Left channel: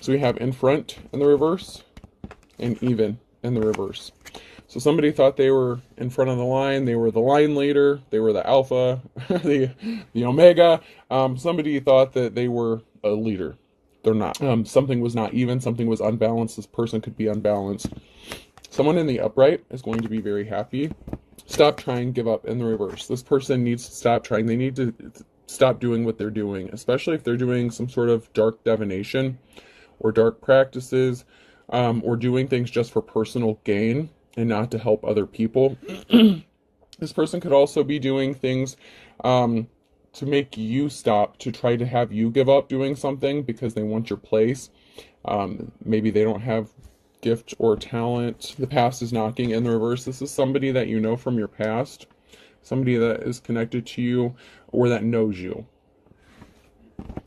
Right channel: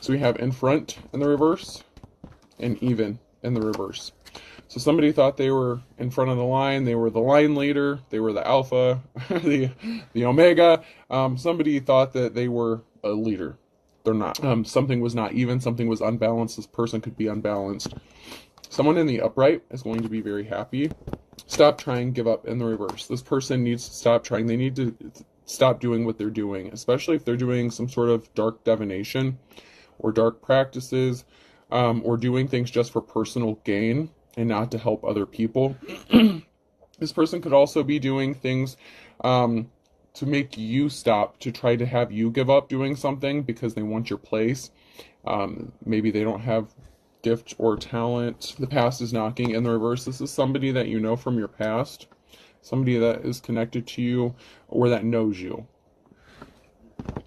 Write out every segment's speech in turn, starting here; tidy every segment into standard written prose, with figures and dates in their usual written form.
So we have in front in the reverse and even in the reverse. So somebody thought they were in front of the line, they were the line leader, they were the alpha, the omega. Somebody thought that they were a leader. They're not. Something was not even, something was unbalanced. This person could be unbalanced. Someone in the upright is going to be very happy. Stop trying, give up in the reverse. This person needs to stop trying. They need to stop doing what they're doing, especially if they're doing some sort of dark divination or dark practices, or doing things just for personal gain and not to help other people. This person could also be doing things to make you stop, to try to have you give up doing something because they want your place. Maybe they don't have gift or talent. The past is knocking in the reverse. This is somebody that you know from your past, somebody that is connected to you or that knows you.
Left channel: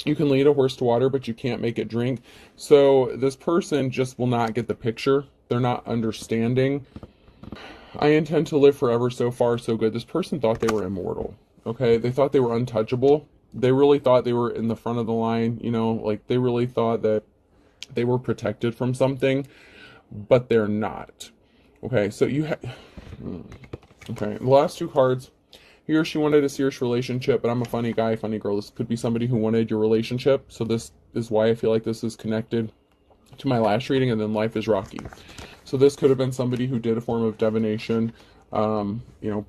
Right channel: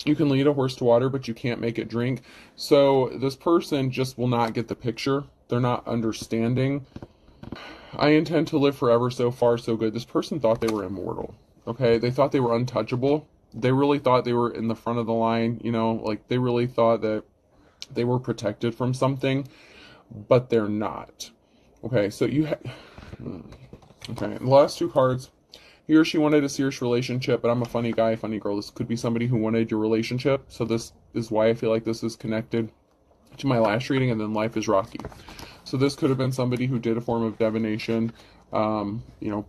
You can lead a horse to water, but you can't make it drink. So this person just will not get the picture. They're not understanding. I intend to live forever. So far, so good. This person thought they were immortal. Okay, they thought they were untouchable. They really thought they were in the front of the line. You know, like they really thought that they were protected from something, but they're not. Okay, so okay, the last two cards. He or she wanted a serious relationship, but I'm a funny guy, funny girl. This could be somebody who wanted your relationship. So this is why I feel like this is connected to my last reading, and then life is rocky. So this could have been somebody who did a form of divination,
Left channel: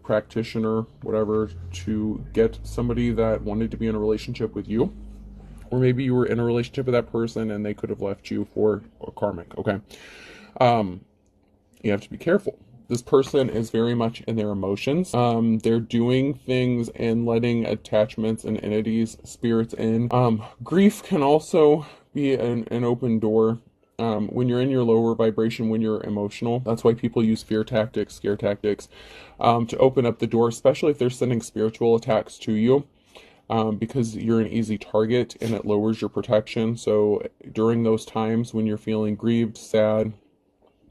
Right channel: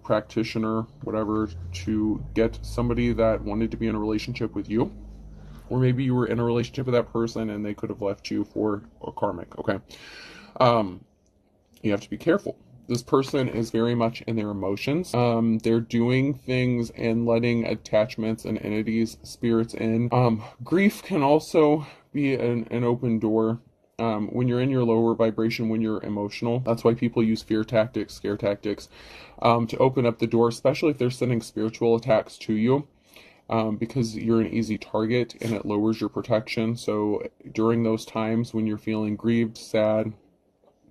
practitioner, whatever, to get somebody that wanted to be in a relationship with you. Or maybe you were in a relationship with that person and they could have left you for a karmic, okay? You have to be careful. This person is very much in their emotions. They're doing things and letting attachments and entities, spirits in. Grief can also be an open door. When you're in your lower vibration, when you're emotional, that's why people use fear tactics, scare tactics, to open up the door, especially if they're sending spiritual attacks to you, because you're an easy target and it lowers your protection. So during those times when you're feeling grieved, sad,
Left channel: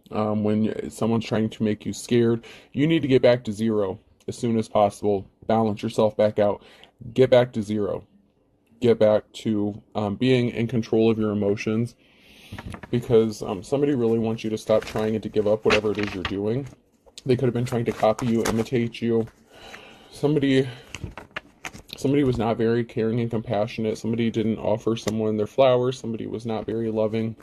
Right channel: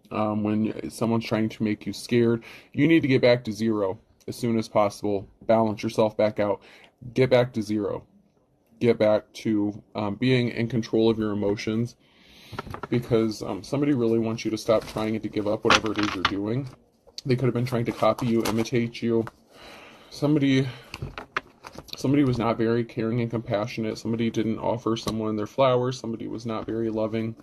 when someone's trying to make you scared, you need to get back to zero as soon as possible. Balance yourself back out. Get back to zero. Get back to being in control of your emotions, because somebody really wants you to stop trying and to give up whatever it is you're doing. They could have been trying to copy you, imitate you. Somebody was not very caring and compassionate. Somebody didn't offer someone their flowers. Somebody was not very loving.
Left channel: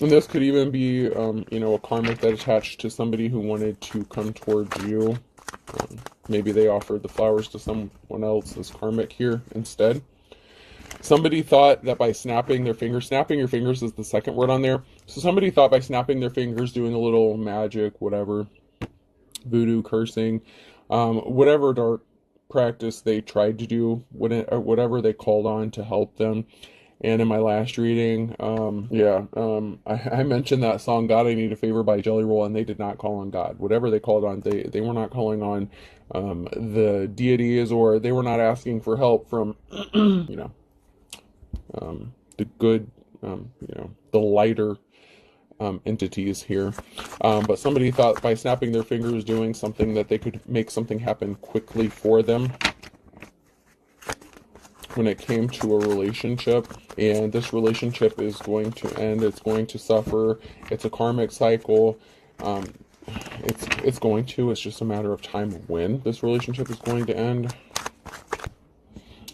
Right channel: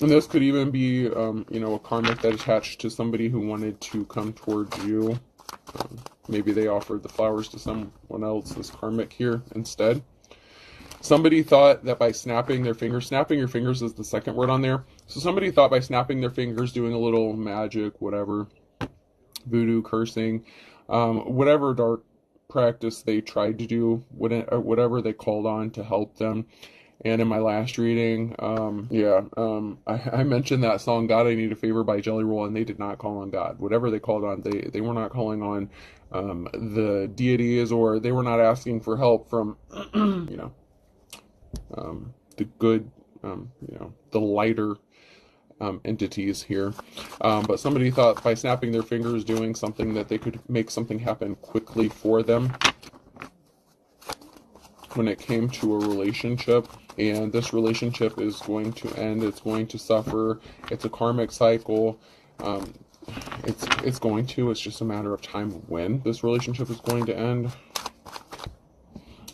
And this could even be, a karmic that attached to somebody who wanted to come towards you. Maybe they offered the flowers to someone else, this karmic here, instead. Somebody thought that by snapping their fingers, snapping your fingers is the second word on there. So somebody thought by snapping their fingers, doing a little magic, whatever, voodoo, cursing, whatever dark practice they tried to do, whatever they called on to help them. And in my last reading, I mentioned that song, God, I Need a Favor by Jelly Roll, and they did not call on God. Whatever they called on, they were not calling on the deities, or they were not asking for help from, the good, the lighter entities here. But somebody thought by snapping their fingers, doing something, that they could make something happen quickly for them when it came to a relationship. And this relationship is going to end. It's going to suffer. It's a karmic cycle. It's just a matter of time when this relationship is going to end.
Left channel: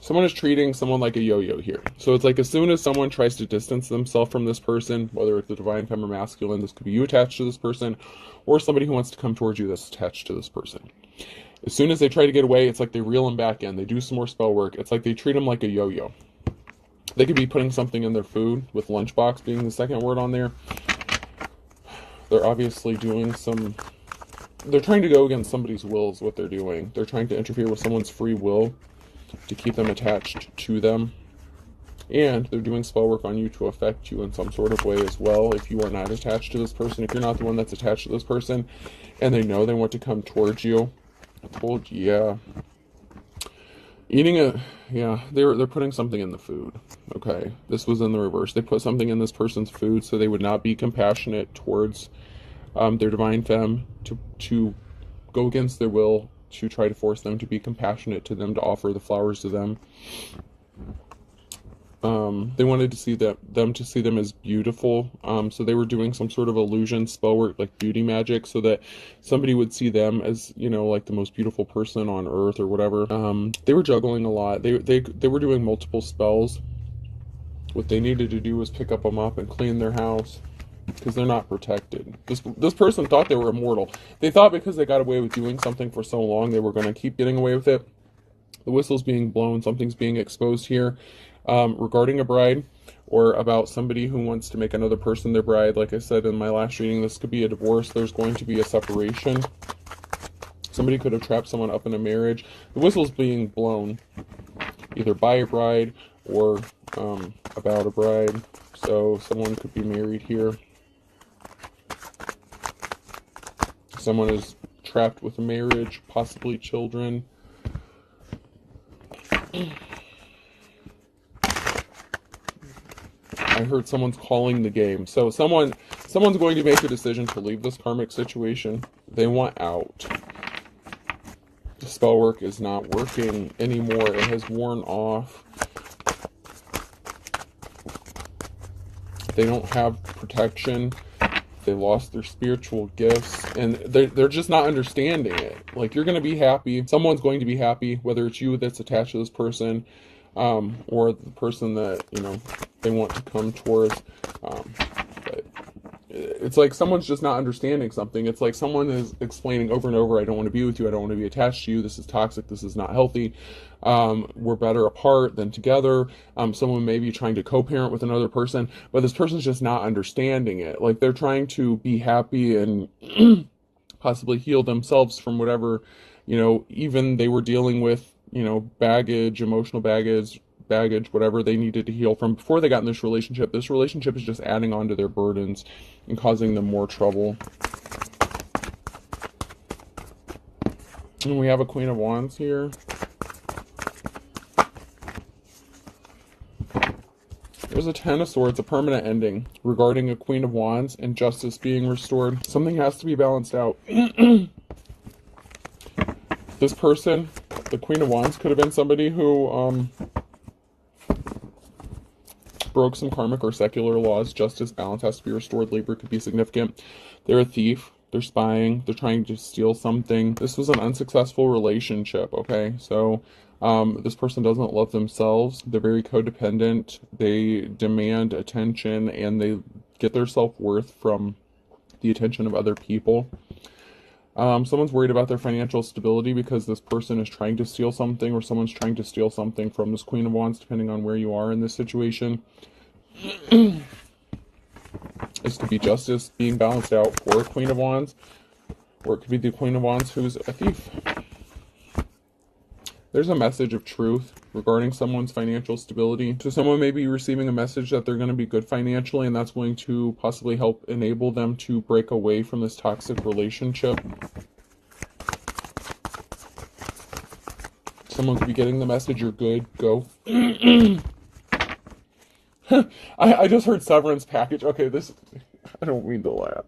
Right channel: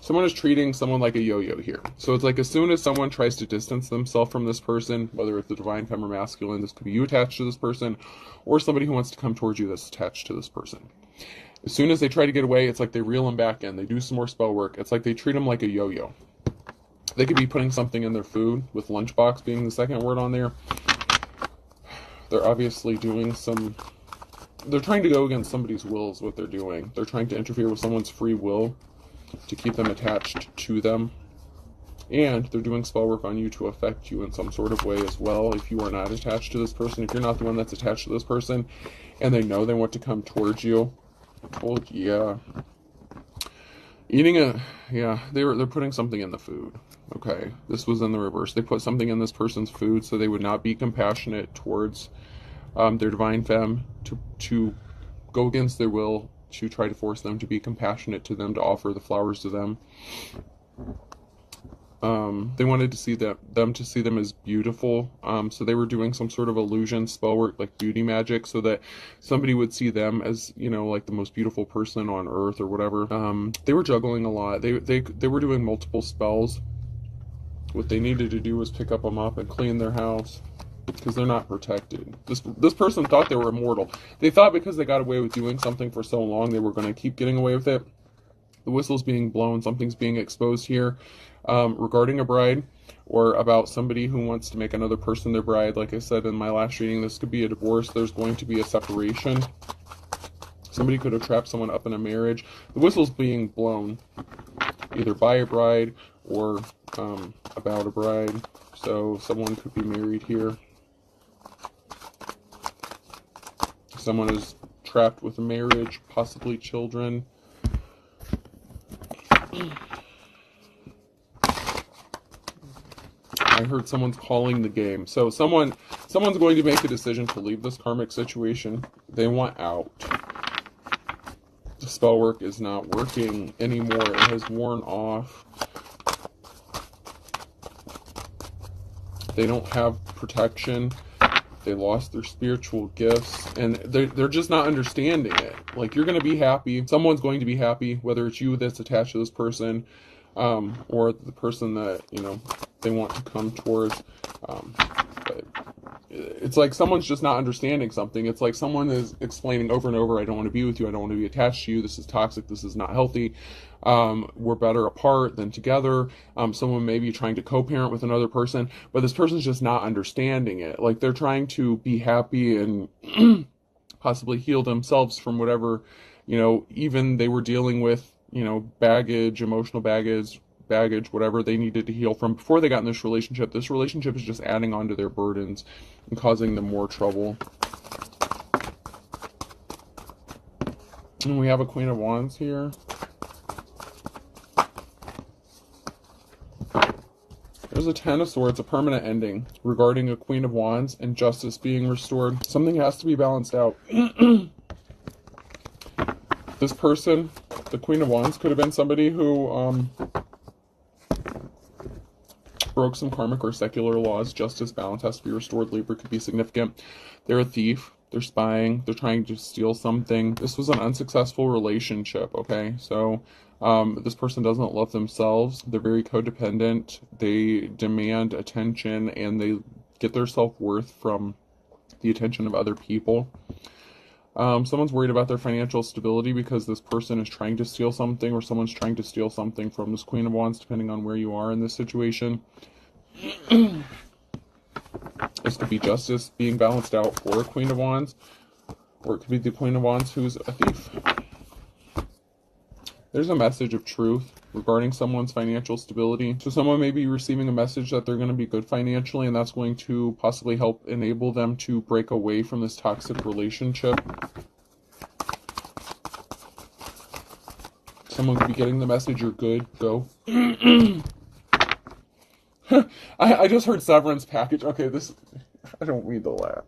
Someone is treating someone like a yo-yo here. So it's like as soon as someone tries to distance themselves from this person, whether it's the divine femme or masculine, this could be you attached to this person, or somebody who wants to come towards you that's attached to this person. As soon as they try to get away, it's like they reel them back in. They do some more spell work. It's like they treat them like a yo-yo. They could be putting something in their food, with lunchbox being the second word on there. They're obviously doing they're trying to go against somebody's will is what they're doing. They're trying to interfere with someone's free will to keep them attached to them. And they're doing spell work on you to affect you in some sort of way as well. If you are not attached to this person, if you're not the one that's attached to this person, and they know they want to come towards you, they're putting something in the food. Okay, this was in the reverse. They put something in this person's food so they would not be compassionate towards their divine femme, to go against their will, to try to force them to be compassionate to them, to offer the flowers to them. They wanted to see them to see them as beautiful. So they were doing some sort of illusion spell work, like beauty magic, so that somebody would see them as, you know, like the most beautiful person on earth or whatever. They were juggling a lot. They were doing multiple spells. What they needed to do was pick up a mop and clean their house, because they're not protected. This person thought they were immortal. They thought because they got away with doing something for so long, they were going to keep getting away with it. The whistle's being blown, something's being exposed here, regarding a bride, or about somebody who wants to make another person their bride. Like I said in my last reading, this could be a divorce. There's going to be a separation. Somebody could have trapped someone up in a marriage. The whistle's being blown either by a bride or about a bride. So someone could be married here. Someone is trapped with a marriage, possibly children. I heard someone's calling the game. So someone's going to make a decision to leave this karmic situation. They want out. The spell work is not working anymore. It has worn off. They don't have protection. They lost their spiritual gifts, and they're just not understanding it. Like, you're going to be happy. Someone's going to be happy, whether it's you that's attached to this person, or the person that, you know, they want to come towards. But it's like someone's just not understanding something. It's like someone is explaining over and over, I don't want to be with you. I don't want to be attached to you. This is toxic. This is not healthy. We're better apart than together. Someone may be trying to co-parent with another person, but this person's just not understanding it. Like, they're trying to be happy and possibly heal themselves from whatever, you know, even they were dealing with, you know, baggage, emotional baggage, whatever they needed to heal from before they got in this relationship. This relationship is just adding on to their burdens and causing them more trouble. And we have a Queen of Wands here. There's a Ten of Swords, a permanent ending regarding a Queen of Wands and justice being restored. Something has to be balanced out. This person, the Queen of Wands, could have been somebody who broke some karmic or secular laws. Justice, balance has to be restored. Libra could be significant. They're a thief. They're spying. They're trying to steal something. This was an unsuccessful relationship, okay? So this person doesn't love themselves. They're very codependent. They demand attention, and they get their self-worth from the attention of other people. Someone's worried about their financial stability because this person is trying to steal something, or someone's trying to steal something from this Queen of Wands, depending on where you are in this situation. This could be justice being balanced out for a Queen of Wands, or it could be the Queen of Wands who's a thief. There's a message of truth regarding someone's financial stability. So someone may be receiving a message that they're going to be good financially, and that's going to possibly help enable them to break away from this toxic relationship. Someone could be getting the message, you're good, go. I just heard severance package. Okay, I don't read the lab.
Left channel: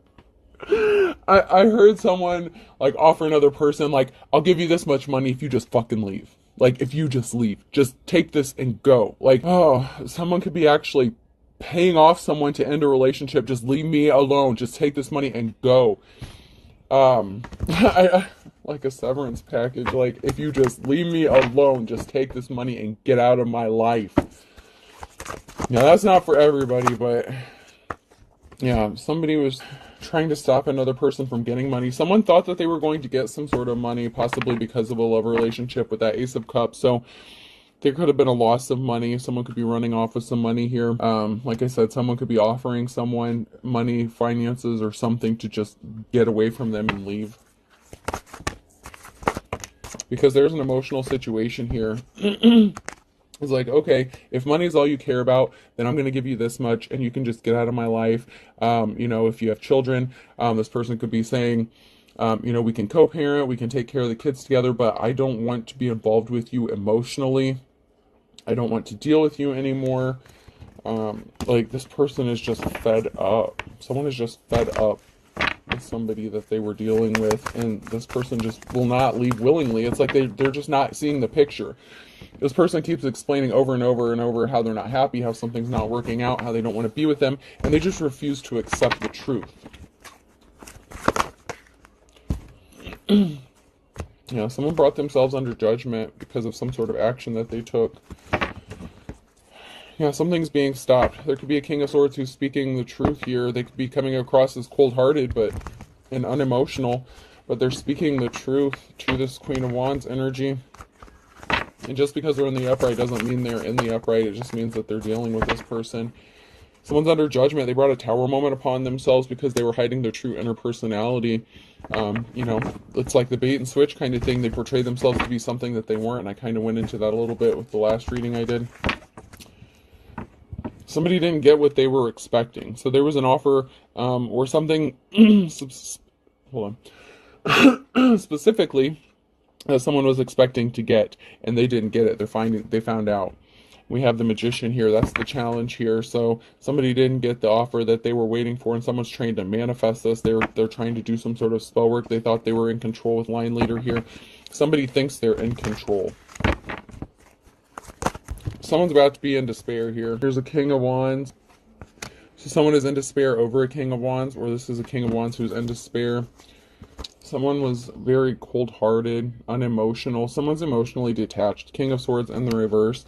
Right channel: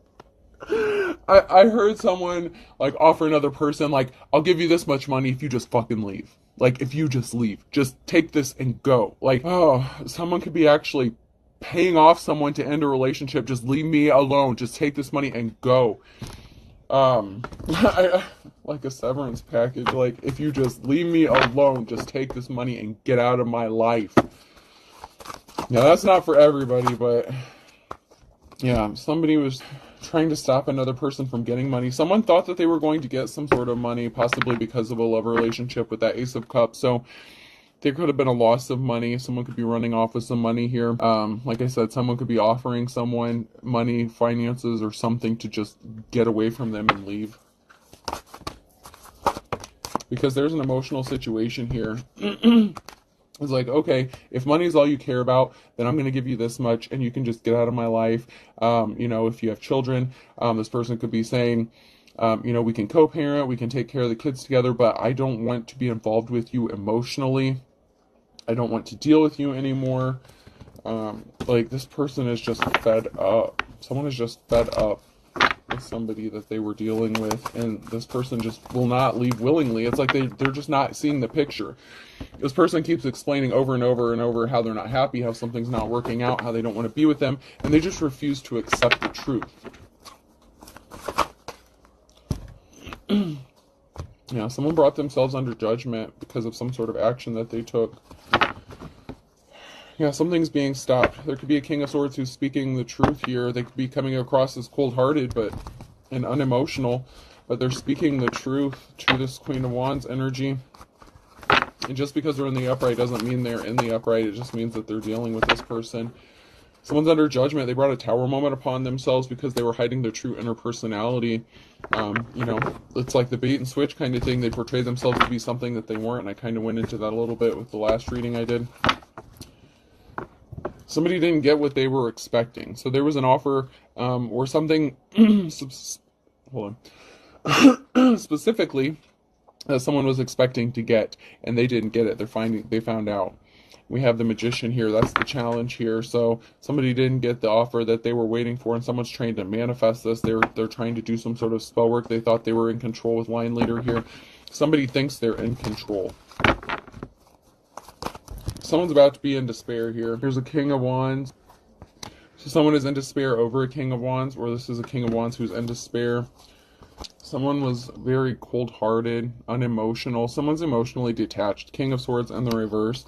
I heard someone, like, offer another person, like, I'll give you this much money if you just fucking leave. Like, if you just leave. Just take this and go. Like, oh, someone could be actually paying off someone to end a relationship. Just leave me alone. Just take this money and go. Like a severance package. Like, if you just leave me alone, just take this money and get out of my life. Now, that's not for everybody, but yeah, somebody was trying to stop another person from getting money. Someone thought that they were going to get some sort of money, possibly because of a love relationship with that Ace of Cups. So there could have been a loss of money. Someone could be running off with some money here. Like I said, someone could be offering someone money, finances, or something to just get away from them and leave. Because there's an emotional situation here. It's like, okay, if money's all you care about, then I'm going to give you this much and you can just get out of my life. You know, if you have children, this person could be saying, you know, we can co-parent, we can take care of the kids together, but I don't want to be involved with you emotionally. I don't want to deal with you anymore. Like, this person is just fed up. Someone is just fed up with somebody that they were dealing with, and this person just will not leave willingly. It's like they're just not seeing the picture. This person keeps explaining over and over and over how they're not happy, how something's not working out, how they don't want to be with them, and they just refuse to accept the truth. Yeah, someone brought themselves under judgment because of some sort of action that they took. Yeah, something's being stopped. There could be a King of Swords who's speaking the truth here. They could be coming across as cold-hearted and unemotional, but they're speaking the truth to this Queen of Wands energy. And just because they're in the upright doesn't mean they're in the upright. It just means that they're dealing with this person. Someone's under judgment. They brought a tower moment upon themselves because they were hiding their true inner personality. You know, it's like the bait and switch kind of thing. They portray themselves to be something that they weren't. And I kind of went into that a little bit with the last reading I did. Somebody didn't get what they were expecting. So there was an offer or something, hold on, specifically someone was expecting to get, and they didn't get it. They found out. We have the Magician here. That's the challenge here. So somebody didn't get the offer that they were waiting for, and someone's trying to manifest this. They're trying to do some sort of spell work. They thought they were in control with Line Leader here. Somebody thinks they're in control. Someone's about to be in despair here. Here's a King of Wands. So someone is in despair over a King of Wands, or this is a King of Wands who's in despair. Someone was very cold-hearted, unemotional. Someone's emotionally detached. King of Swords in the reverse.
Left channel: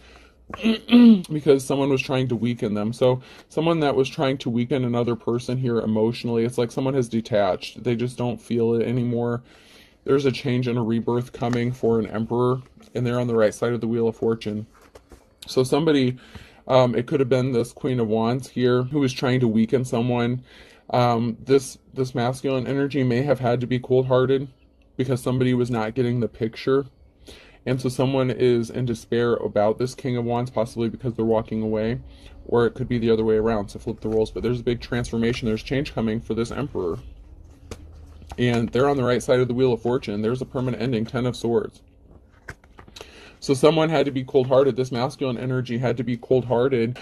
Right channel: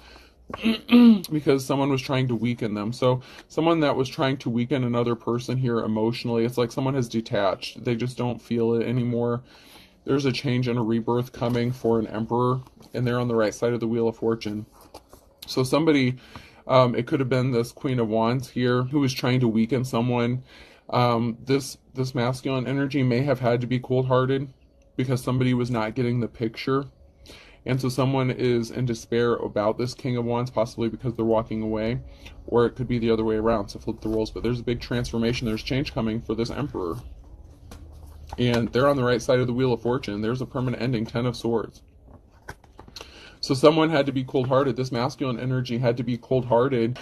Because someone was trying to weaken them. So someone that was trying to weaken another person here emotionally, it's like someone has detached. They just don't feel it anymore. There's a change and a rebirth coming for an Emperor, and they're on the right side of the Wheel of Fortune. So somebody, it could have been this Queen of Wands here who was trying to weaken someone. This masculine energy may have had to be cold-hearted because somebody was not getting the picture. And so someone is in despair about this King of Wands, possibly because they're walking away, or it could be the other way around, so flip the roles. But there's a big transformation, there's change coming for this Emperor. And they're on the right side of the Wheel of Fortune. There's a permanent ending, 10 of Swords. So someone had to be cold-hearted. This masculine energy had to be cold-hearted.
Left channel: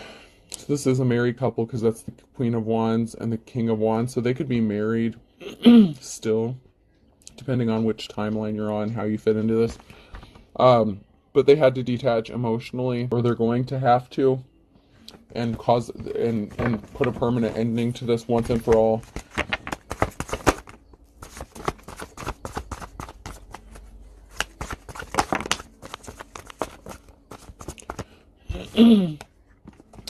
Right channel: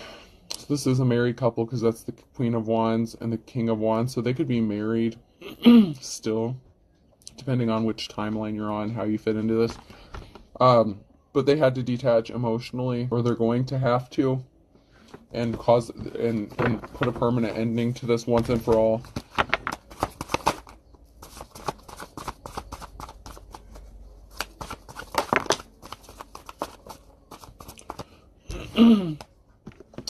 So this is a married couple because that's the Queen of Wands and the King of Wands. So they could be married still, depending on which timeline you're on, how you fit into this. But they had to detach emotionally, or they're going to have to, and put a permanent ending to this once and for all.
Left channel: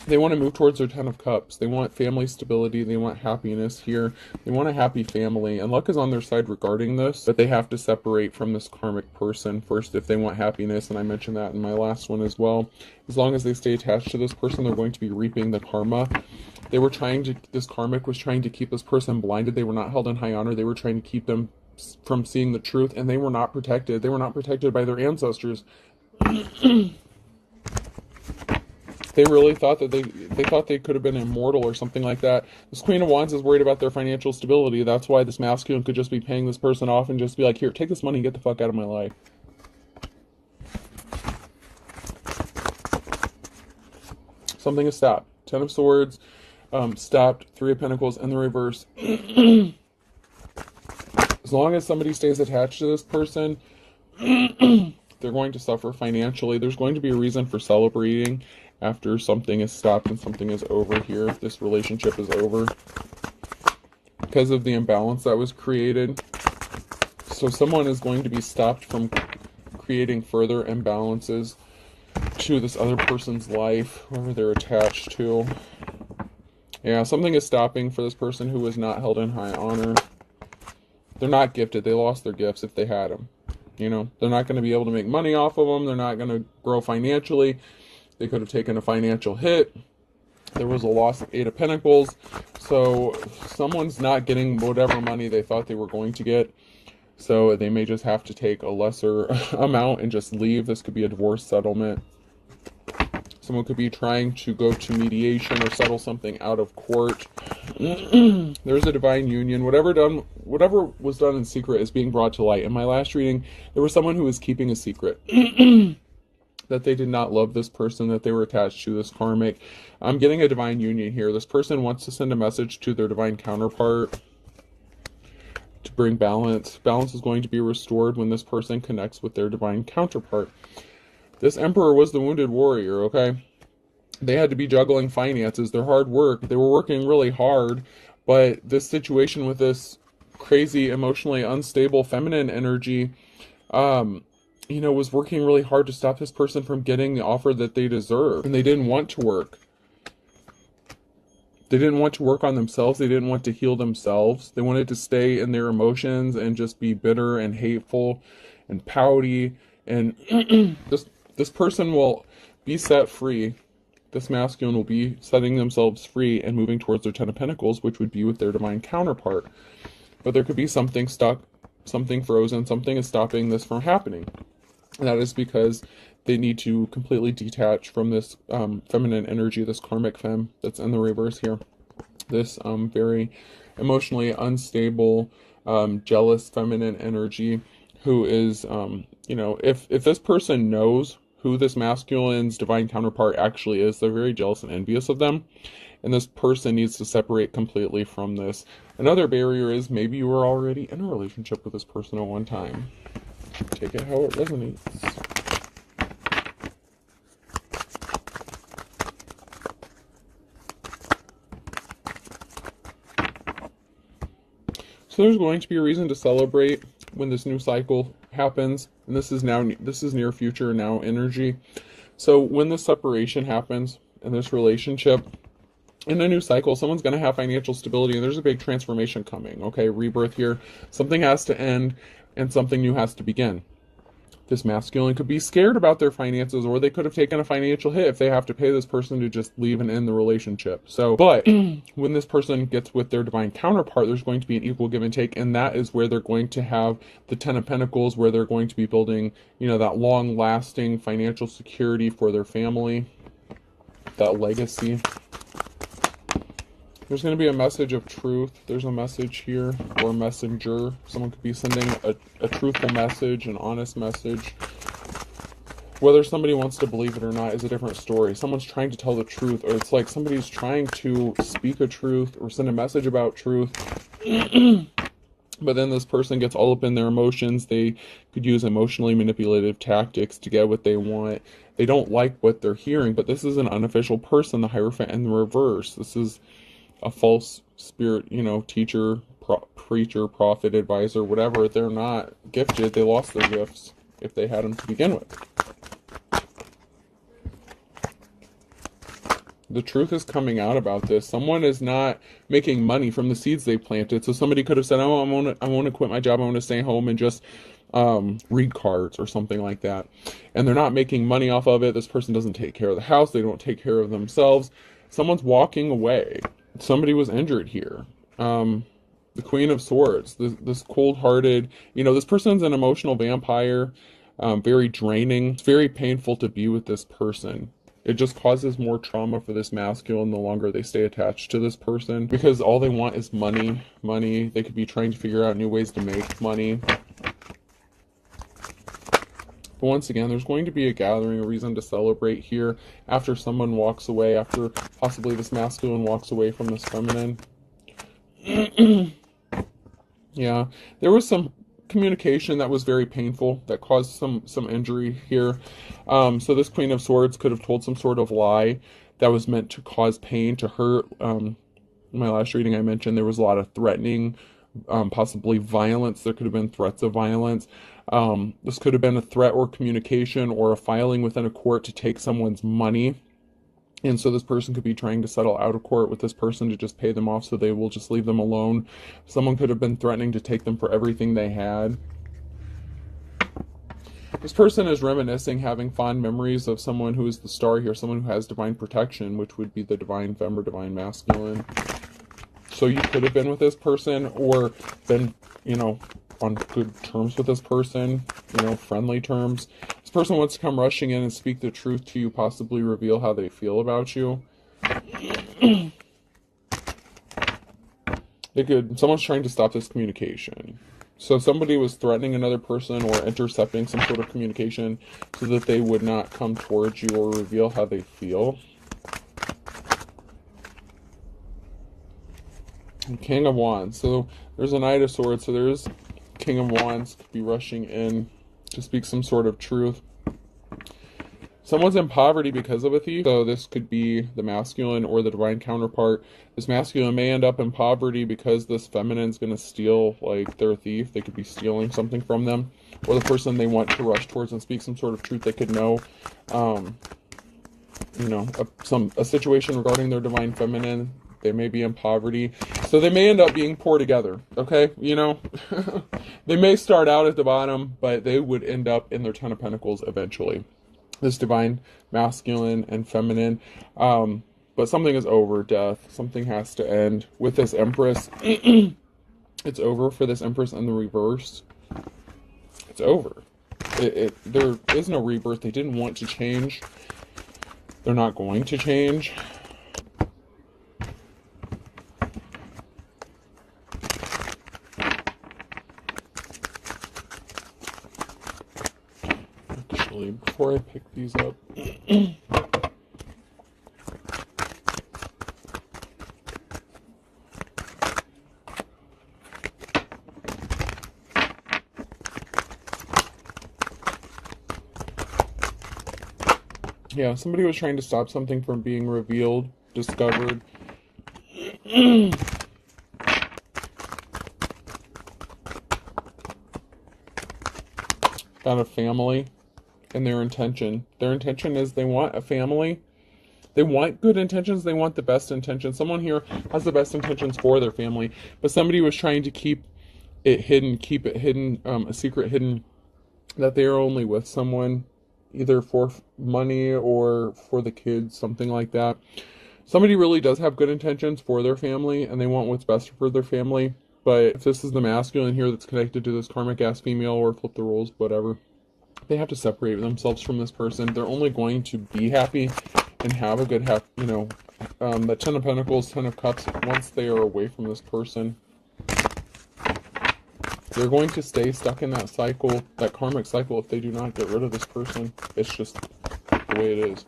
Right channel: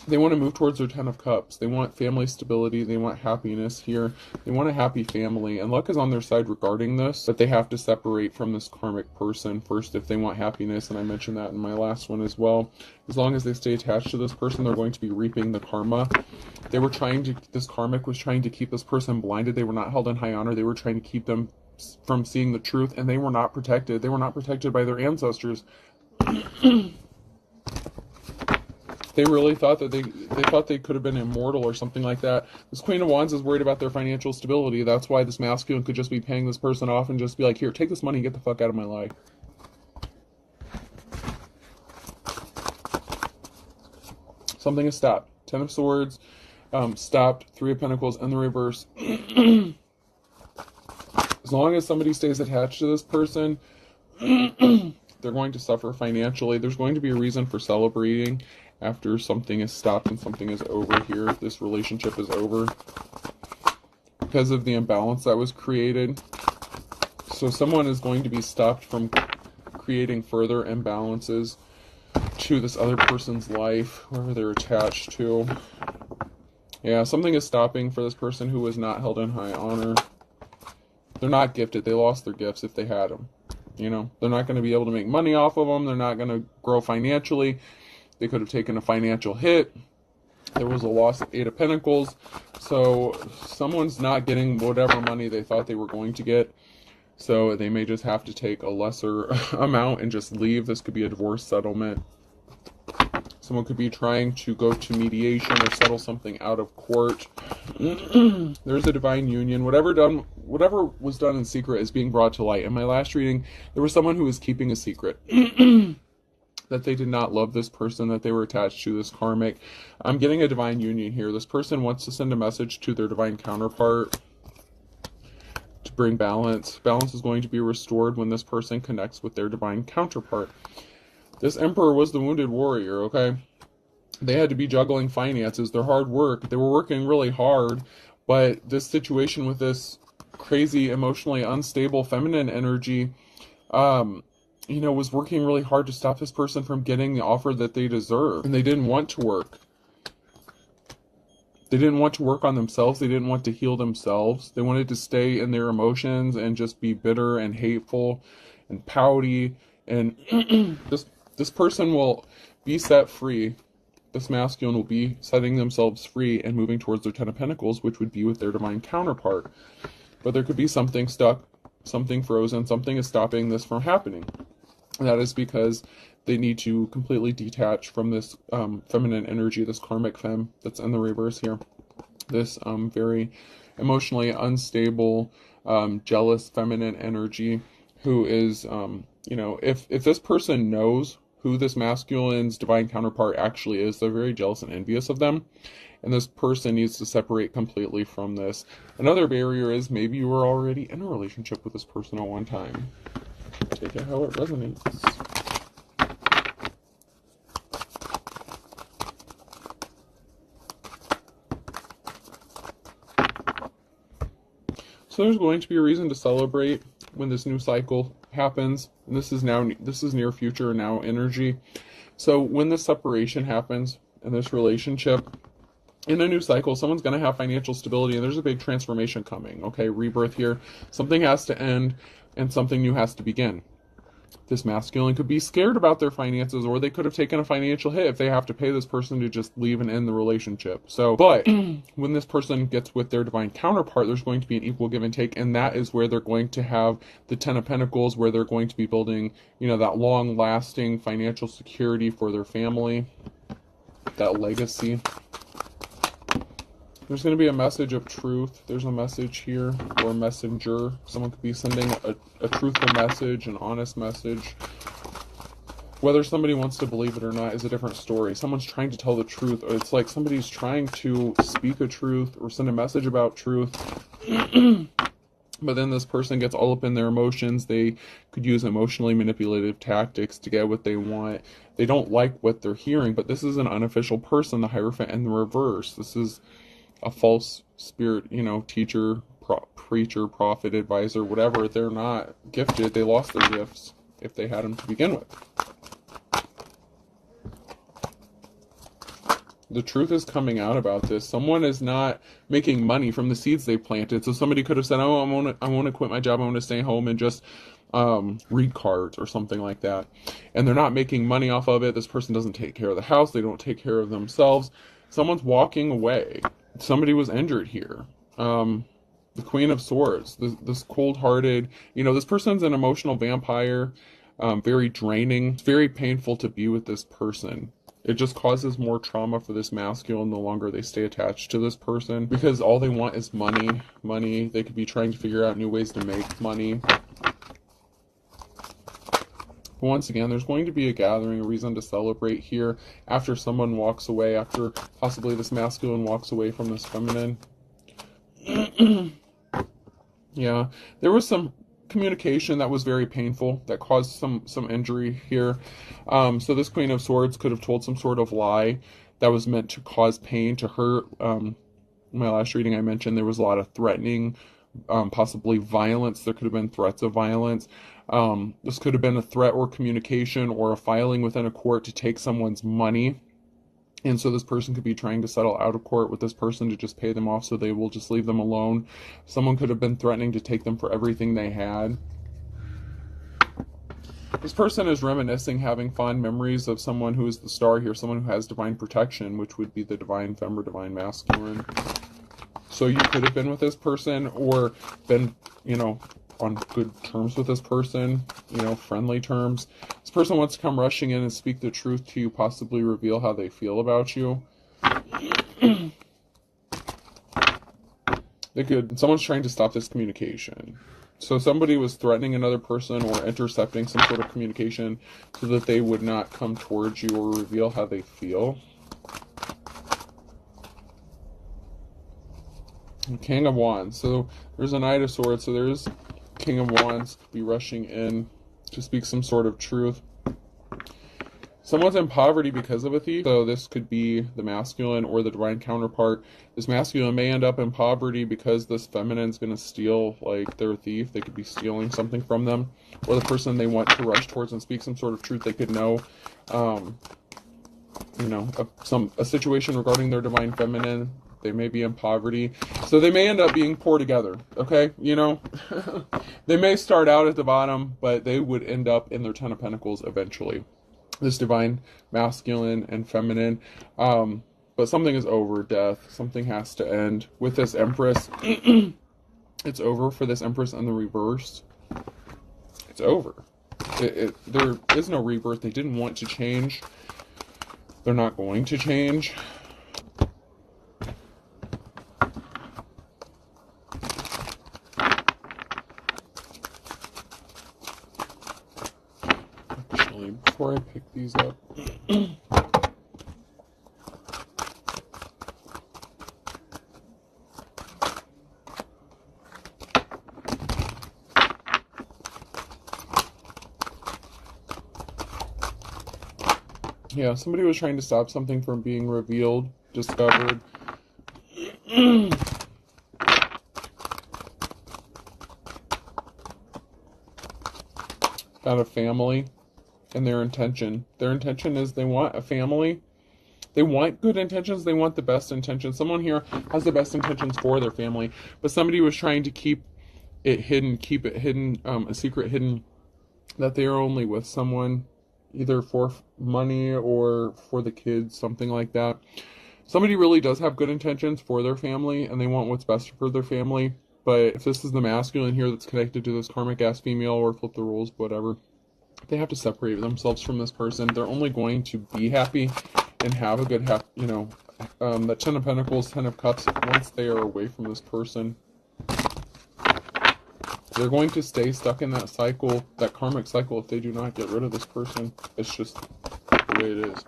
They want to move towards their 10 of Cups. They want family stability. They want happiness here. They want a happy family. And luck is on their side regarding this, that they have to separate from this karmic person first if they want happiness. And I mentioned that in my last one as well. As long as they stay attached to this person, they're going to be reaping the karma. This karmic was trying to keep this person blinded. They were not held in high honor. They were trying to keep them from seeing the truth. And they were not protected. They were not protected by their ancestors. They really thought that they thought they could have been immortal or something like that. This Queen of Wands is worried about their financial stability. That's why this masculine could just be paying this person off and just be like, here, take this money and get the fuck out of my life. Something is stopped. 10 of Swords, stopped. 3 of Pentacles in the reverse. As long as somebody stays attached to this person, they're going to suffer financially. There's going to be a reason for celebrating after something is stopped and something is over here. This relationship is over because of the imbalance that was created. So someone is going to be stopped from creating further imbalances to this other person's life, whoever they're attached to. Yeah, something is stopping for this person who was not held in high honor. They're not gifted. They lost their gifts if they had them. You know, they're not going to be able to make money off of them. They're not going to grow financially. They could have taken a financial hit. There was a loss of 8 of Pentacles. So someone's not getting whatever money they thought they were going to get. So they may just have to take a lesser amount and just leave. This could be a divorce settlement. Someone could be trying to go to mediation or settle something out of court. There's a divine union. Whatever was done in secret is being brought to light. In my last reading, there was someone who was keeping a secret. That they did not love this person, that they were attached to, this karmic. I'm getting a divine union here. This person wants to send a message to their divine counterpart. bring balance. Balance is going to be restored when this person connects with their divine counterpart. This Emperor was the wounded warrior, okay? They had to be juggling finances, their hard work. They were working really hard, but this situation with this crazy, emotionally unstable feminine energy, you know, was working really hard to stop this person from getting the offer that they deserve. And they didn't want to work. They didn't want to work on themselves. They didn't want to heal themselves. They wanted to stay in their emotions and just be bitter and hateful and pouty. And this person will be set free. This masculine will be setting themselves free and moving towards their Ten of Pentacles, which would be with their divine counterpart. But there could be something stuck, something frozen, something is stopping this from happening. And that is because they need to completely detach from this feminine energy, this karmic femme that's in the reverse here. This very emotionally unstable, jealous feminine energy who is, you know, if this person knows who this masculine's divine counterpart actually is, they're very jealous and envious of them. And this person needs to separate completely from this. Another barrier is maybe you were already in a relationship with this person at one time. Take it how it resonates. So there's going to be a reason to celebrate when this new cycle happens. And this is near future now energy. So when this separation happens in this relationship, in a new cycle, someone's going to have financial stability, and there's a big transformation coming, okay? Rebirth here. Something has to end, and something new has to begin. This masculine could be scared about their finances, or they could have taken a financial hit if they have to pay this person to just leave and end the relationship. So, but when this person gets with their divine counterpart, there's going to be an equal give and take, and that is where they're going to have the Ten of Pentacles, where they're going to be building, you know, that long-lasting financial security for their family, that legacy. There's going to be a message of truth. There's a message here, or a messenger. Someone could be sending a truthful message, an honest message. Whether somebody wants to believe it or not is a different story. Someone's trying to tell the truth, or it's like somebody's trying to speak a truth or send a message about truth. But then this person gets all up in their emotions. They could use emotionally manipulative tactics to get what they want. They don't like what they're hearing, but this is an unofficial person, the Hierophant in the reverse. This is a false spirit, you know, teacher, preacher, prophet, advisor, whatever. They're not gifted. They lost their gifts if they had them to begin with. The truth is coming out about this. Someone is not making money from the seeds they planted. So somebody could have said, oh, I want to quit my job. I want to stay home and just read cards or something like that. And they're not making money off of it. This person doesn't take care of the house. They don't take care of themselves. Someone's walking away. Somebody was injured here. The Queen of Swords, this cold-hearted, you know, this person's an emotional vampire, very draining. It's very painful to be with this person. It just causes more trauma for this masculine the longer they stay attached to this person, because all they want is money. Money. They could be trying to figure out new ways to make money. But once again, there's going to be a gathering, a reason to celebrate here after someone walks away, after possibly this masculine walks away from this feminine. Yeah, there was some communication that was very painful, that caused some injury here. So this Queen of Swords could have told some sort of lie that was meant to cause pain, to hurt. In my last reading I mentioned there was a lot of threatening, possibly violence. There could have been threats of violence. This could have been a threat or communication or a filing within a court to take someone's money. And so this person could be trying to settle out of court with this person to just pay them off so they will just leave them alone. Someone could have been threatening to take them for everything they had. This person is reminiscing, having fond memories of someone who is the star here, someone who has divine protection, which would be the divine femme or divine masculine. So you could have been with this person or been, you know, on good terms with this person, you know, friendly terms. This person wants to come rushing in and speak the truth to you, possibly reveal how they feel about you. Someone's trying to stop this communication. So somebody was threatening another person or intercepting some sort of communication so that they would not come towards you or reveal how they feel. King of Wands. So there's a Knight of Swords. So there's King of Wands could be rushing in to speak some sort of truth. Someone's in poverty because of a thief. So this could be the masculine or the divine counterpart. This masculine may end up in poverty because this feminine's going to steal, like, their thief. They could be stealing something from them. Or the person they want to rush towards and speak some sort of truth. They could know, you know, a situation regarding their divine feminine. They may be in poverty. So they may end up being poor together, okay? You know, they may start out at the bottom, but they would end up in their Ten of Pentacles eventually. This divine masculine and feminine. But something is over, death. Something has to end. With this Empress, it's over for this Empress in the reverse. It's over. There is no rebirth. They didn't want to change. They're not going to change. Actually, before I pick these up, yeah, somebody was trying to stop something from being revealed, discovered. Got a family and their intention. Their intention is they want a family. They want good intentions. They want the best intentions. Someone here has the best intentions for their family, but somebody was trying to keep it hidden, a secret hidden, that they are only with someone either for money or for the kids, something like that. Somebody really does have good intentions for their family and they want what's best for their family. But if this is the masculine here that's connected to this karmic ass female, or flip the roles, whatever, they have to separate themselves from this person. They're only going to be happy and have a good, you know, the Ten of Pentacles, Ten of Cups, once they are away from this person. They're going to stay stuck in that cycle, that karmic cycle, if they do not get rid of this person. It's just the way it is.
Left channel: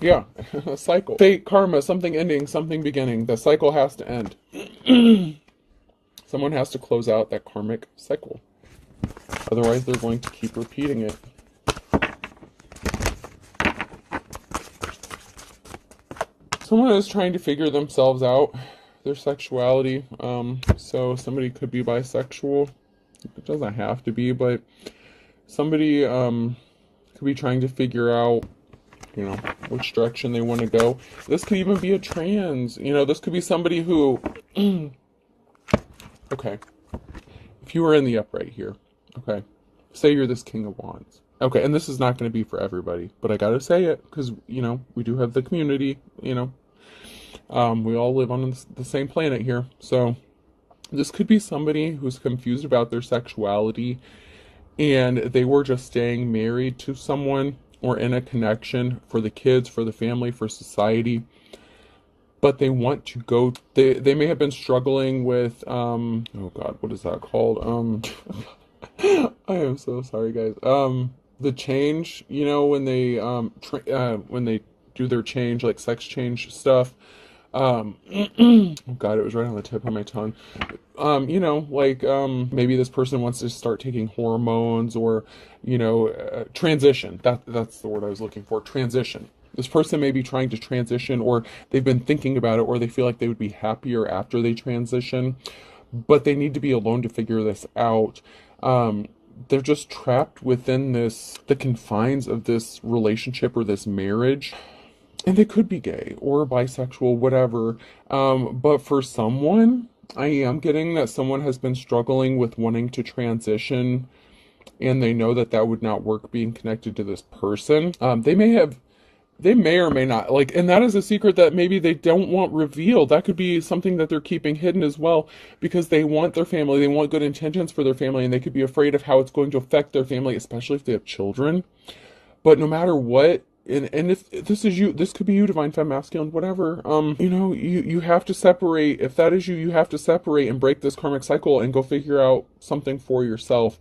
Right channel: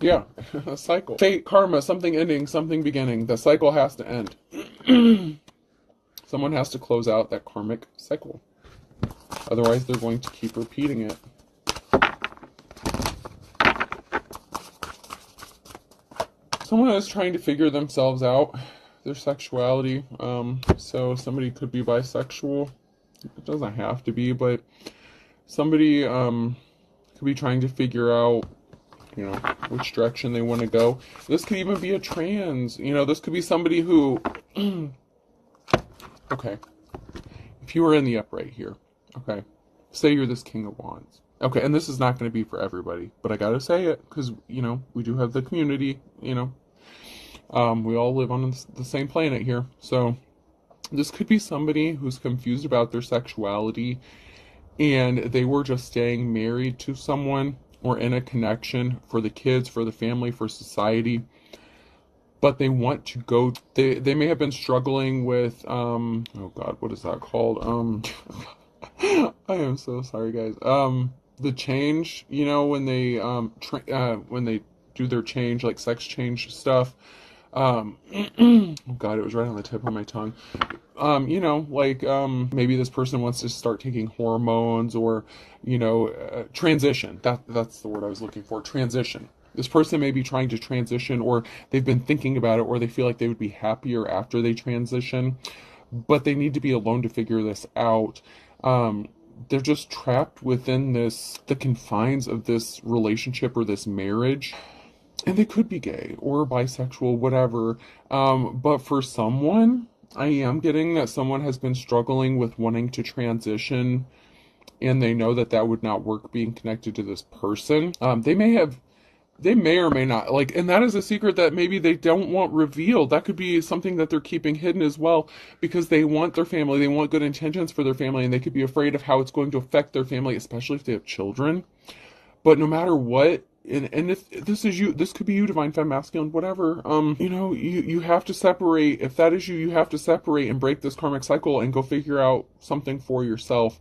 Yeah, a cycle. Fate, karma, something ending, something beginning. The cycle has to end. Someone has to close out that karmic cycle. Otherwise, they're going to keep repeating it. Someone is trying to figure themselves out, their sexuality. So somebody could be bisexual. It doesn't have to be, but somebody could be trying to figure out, you know, which direction they want to go. This could even be a trans. You know, this could be somebody who... Okay. If you were in the upright here, okay, say you're this King of Wands. Okay, and this is not going to be for everybody, but I gotta say it, because, you know, we do have the community, you know. We all live on the same planet here. So this could be somebody who's confused about their sexuality, and they were just staying married to someone or in a connection for the kids, for the family, for society. But they want to go, they may have been struggling with, oh God, what is that called? I am so sorry, guys. The change, you know, when they do their change, like sex change stuff. Oh God, it was right on the tip of my tongue. You know, like, maybe this person wants to start taking hormones, or, you know, transition. That's the word I was looking for, transition. This person may be trying to transition, or they've been thinking about it, or they feel like they would be happier after they transition, but they need to be alone to figure this out. They're just trapped within the confines of this relationship or this marriage. And they could be gay or bisexual, whatever. But for someone, I am getting that someone has been struggling with wanting to transition, and they know that that would not work being connected to this person. They may or may not, like, and that is a secret that maybe they don't want revealed. That could be something that they're keeping hidden as well, because they want their family, they want good intentions for their family, and they could be afraid of how it's going to affect their family, especially if they have children. But no matter what, and if this is you, this could be you, divine femme, masculine, whatever, you know, you have to separate. If that is you, you have to separate and break this karmic cycle and go figure out something for yourself.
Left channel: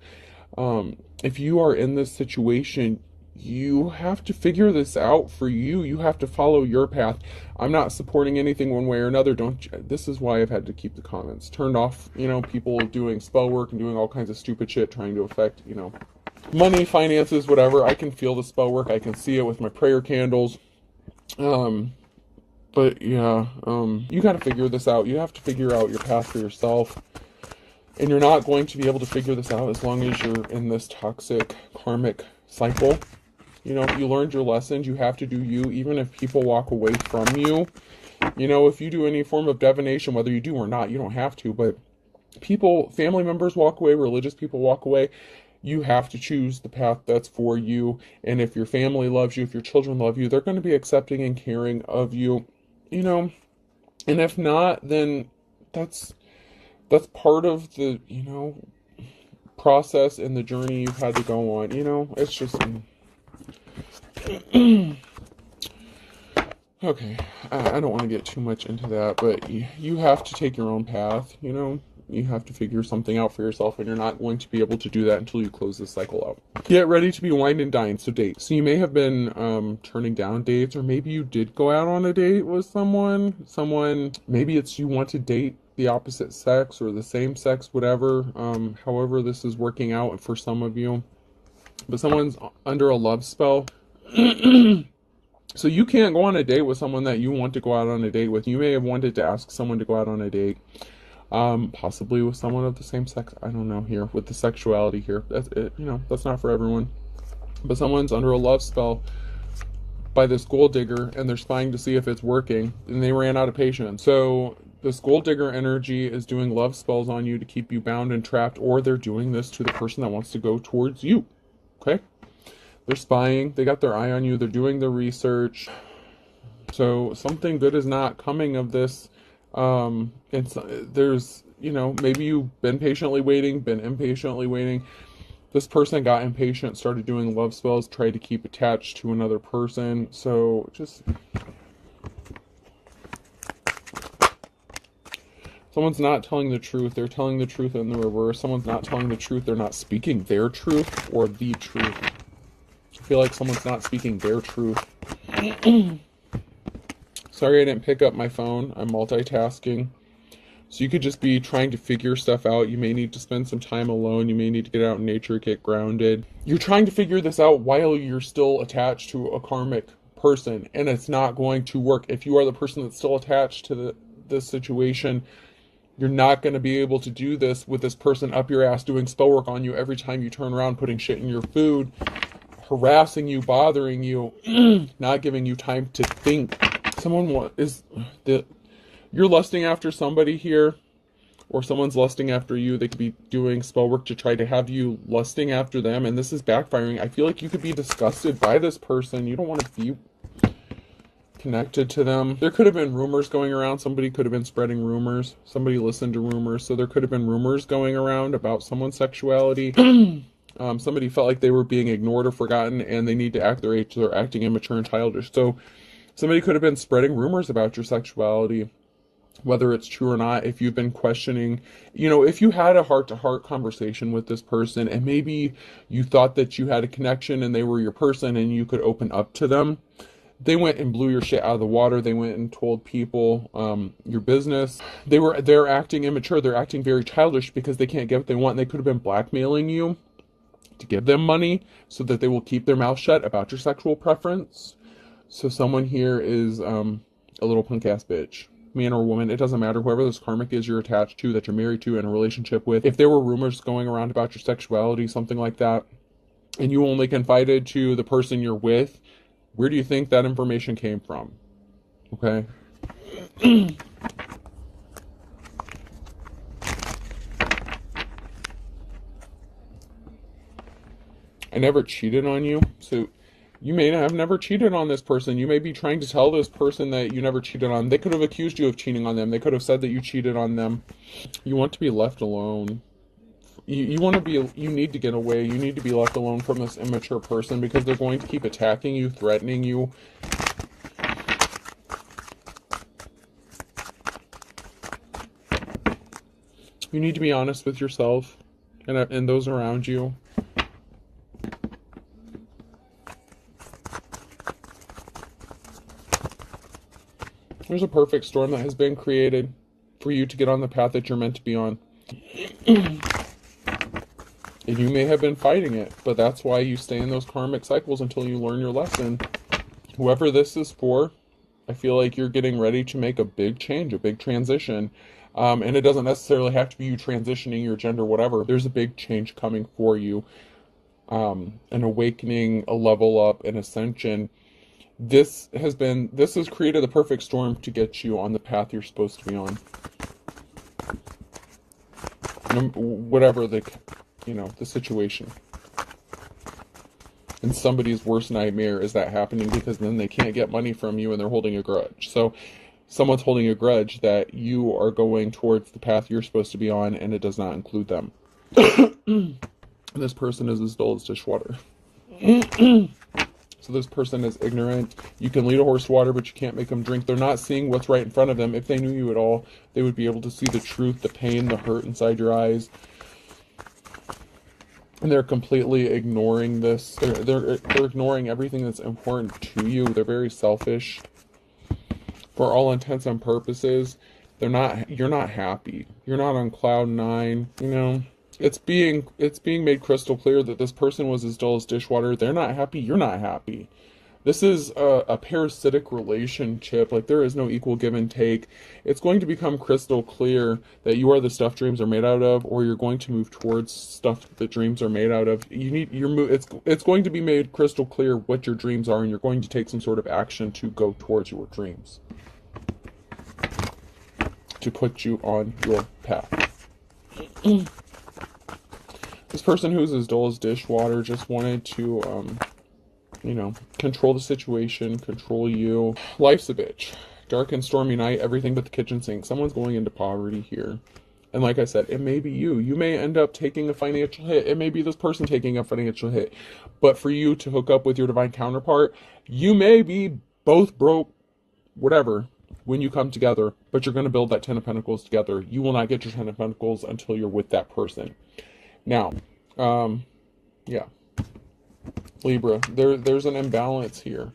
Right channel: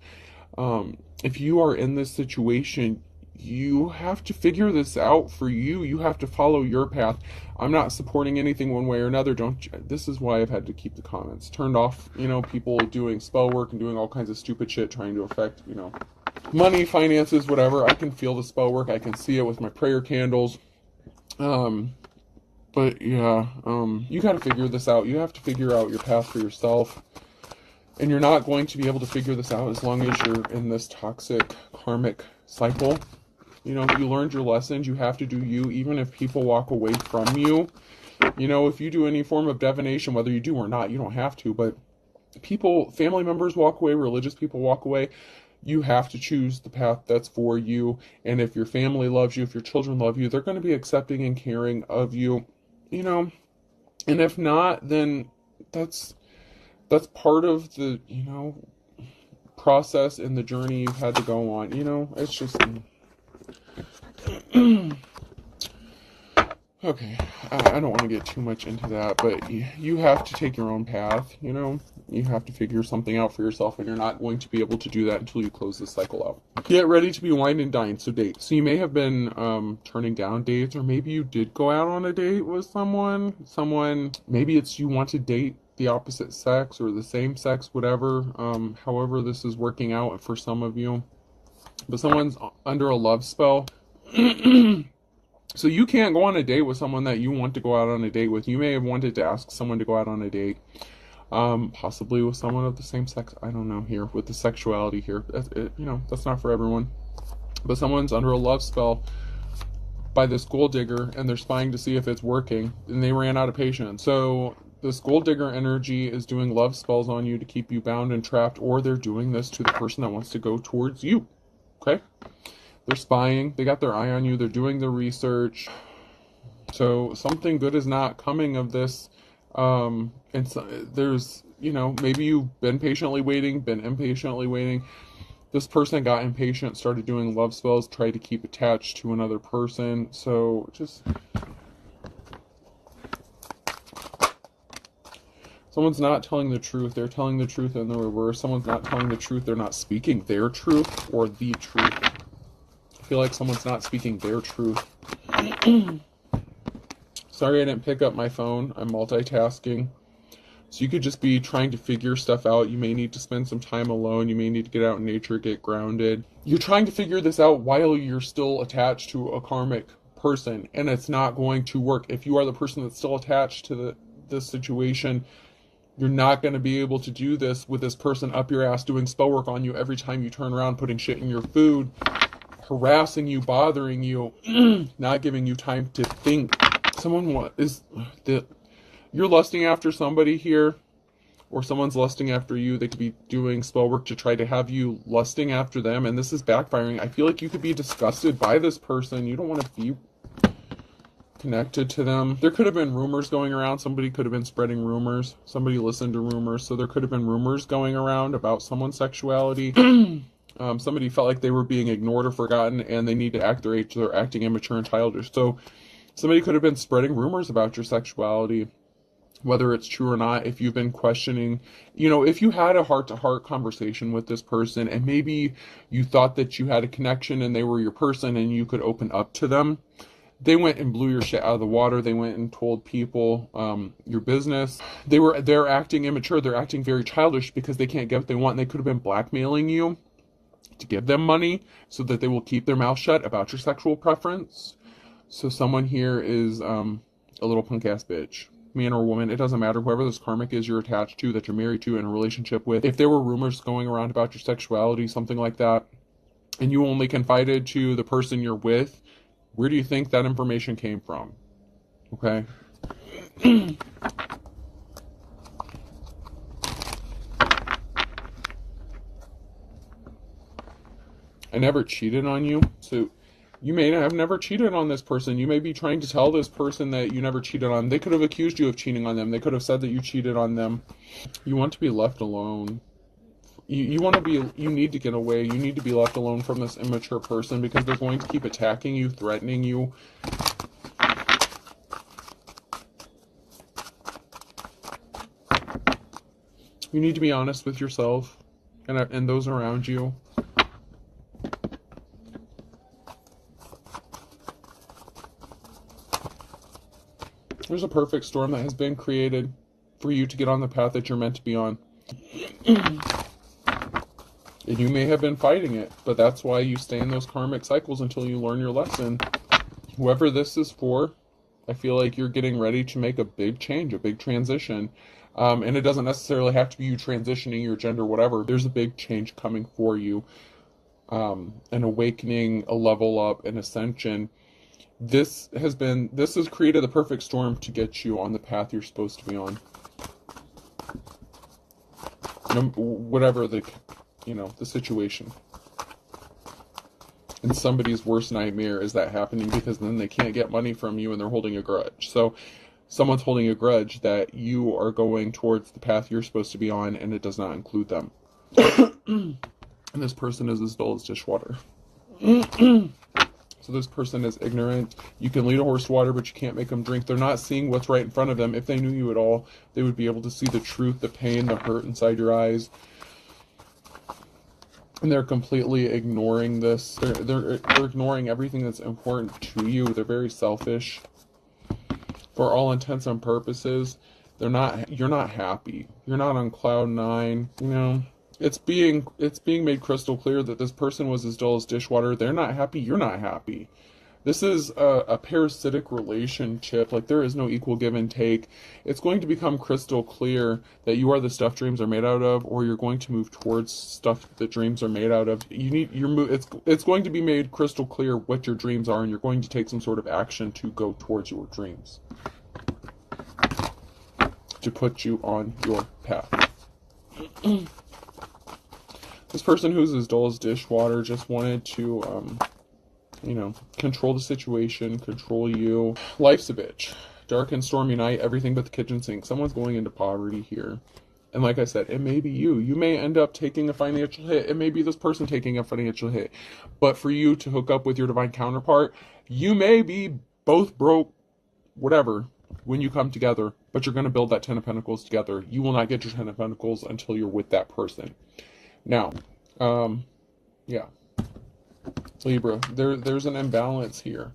If you are in this situation, you have to figure this out for you. You have to follow your path. I'm not supporting anything one way or another. This is why I've had to keep the comments turned off. You know, people doing spell work and doing all kinds of stupid shit trying to affect, you know, money, finances, whatever. I can feel the spell work. I can see it with my prayer candles. But yeah, you got to figure this out. You have to figure out your path for yourself. And you're not going to be able to figure this out as long as you're in this toxic karmic cycle. You know, if you learned your lessons, you have to do you, even if people walk away from you. You know, if you do any form of divination, whether you do or not, you don't have to, but people, family members walk away, religious people walk away, you have to choose the path that's for you. And if your family loves you, if your children love you, they're going to be accepting and caring of you, you know. And if not, then that's part of the, you know, process and the journey you've had to go on. You know, it's just okay, I don't want to get too much into that, but you have to take your own path, you know. You have to figure something out for yourself, and you're not going to be able to do that until you close the cycle out. Get ready to be wined and dined, so date. So you may have been turning down dates, or maybe you did go out on a date with someone, maybe it's you want to date the opposite sex or the same sex, whatever, however this is working out for some of you. But someone's under a love spell. So you can't go on a date with someone that you want to go out on a date with. You may have wanted to ask someone to go out on a date, possibly with someone of the same sex. I don't know here, with the sexuality here. That's it, you know, that's not for everyone. But someone's under a love spell by this gold digger, and they're spying to see if it's working, and they ran out of patience. So this gold digger energy is doing love spells on you to keep you bound and trapped, or they're doing this to the person that wants to go towards you. Okay? They're spying. They got their eye on you. They're doing their research. So something good is not coming of this. And so there's, you know, maybe you've been patiently waiting, been impatiently waiting. This person got impatient, started doing love spells, tried to keep attached to another person. So just... someone's not telling the truth. They're telling the truth in the reverse. Someone's not telling the truth. They're not speaking their truth or the truth. I feel like someone's not speaking their truth. Sorry I didn't pick up my phone. I'm multitasking. So you could just be trying to figure stuff out. You may need to spend some time alone. You may need to get out in nature, get grounded. You're trying to figure this out while you're still attached to a karmic person, and it's not going to work. If you are the person that's still attached to this situation, you're not going to be able to do this with this person up your ass doing spell work on you every time you turn around, putting shit in your food, harassing you, bothering you, not giving you time to think. You're lusting after somebody here, or someone's lusting after you. They could be doing spell work to try to have you lusting after them, and this is backfiring. I feel like you could be disgusted by this person. You don't want to be connected to them. There could have been rumors going around. Somebody could have been spreading rumors. Somebody listened to rumors, so there could have been rumors going around about someone's sexuality. Somebody felt like they were being ignored or forgotten, and they need to act their age. So they're acting immature and childish. So somebody could have been spreading rumors about your sexuality, whether it's true or not. If you've been questioning, you know, if you had a heart-to-heart conversation with this person, and maybe you thought that you had a connection and they were your person and you could open up to them, they went and blew your shit out of the water. They went and told people your business. They're acting immature. They're acting very childish because they can't get what they want. They could have been blackmailing you to give them money so that they will keep their mouth shut about your sexual preference. So someone here is a little punk ass bitch, man or woman. It doesn't matter. Whoever this karmic is you're attached to, that you're married to, in a relationship with. If there were rumors going around about your sexuality, something like that, and you only confided to the person you're with, where do you think that information came from? Okay. I never cheated on you. So you may have never cheated on this person. You may be trying to tell this person that you never cheated on. They could have accused you of cheating on them. They could have said that you cheated on them. You want to be left alone. You need to get away. You need to be left alone from this immature person, because they're going to keep attacking you, threatening you. You need to be honest with yourself and those around you. There's a perfect storm that has been created for you to get on the path that you're meant to be on. And you may have been fighting it, but that's why you stay in those karmic cycles until you learn your lesson. Whoever this is for, I feel like you're getting ready to make a big change, a big transition. And it doesn't necessarily have to be you transitioning your gender, whatever. There's a big change coming for you. An awakening, a level up, an ascension. This has created the perfect storm to get you on the path you're supposed to be on. Whatever the situation. And somebody's worst nightmare is that happening, because then they can't get money from you and they're holding a grudge. So someone's holding a grudge that you are going towards the path you're supposed to be on, and it does not include them. This person is as dull as dishwater. So this person is ignorant. You can lead a horse to water, but you can't make them drink. They're not seeing what's right in front of them. If they knew you at all, they would be able to see the truth, the pain, the hurt inside your eyes. And they're completely ignoring this. They're ignoring everything that's important to you. They're very selfish. For all intents and purposes, you're not happy. You're not on cloud nine, It's being made crystal clear that this person was as dull as dishwater. They're not happy. You're not happy. This is a parasitic relationship. Like, there is no equal give and take. It's going to become crystal clear that you are the stuff dreams are made out of, or you're going to move towards stuff the dreams are made out of. It's going to be made crystal clear what your dreams are, and you're going to take some sort of action to go towards your dreams, to put you on your path. This person who is as dull as dishwater just wanted to, control the situation, control you. Life's a bitch. Dark and stormy night, everything but the kitchen sink. Someone's going into poverty here. And like I said, it may be you. You may end up taking a financial hit. It may be this person taking a financial hit. But for you to hook up with your divine counterpart, you may be both broke, whatever, when you come together. But you're going to build that 10 of Pentacles together. You will not get your 10 of Pentacles until you're with that person. Now, Libra, there's an imbalance here,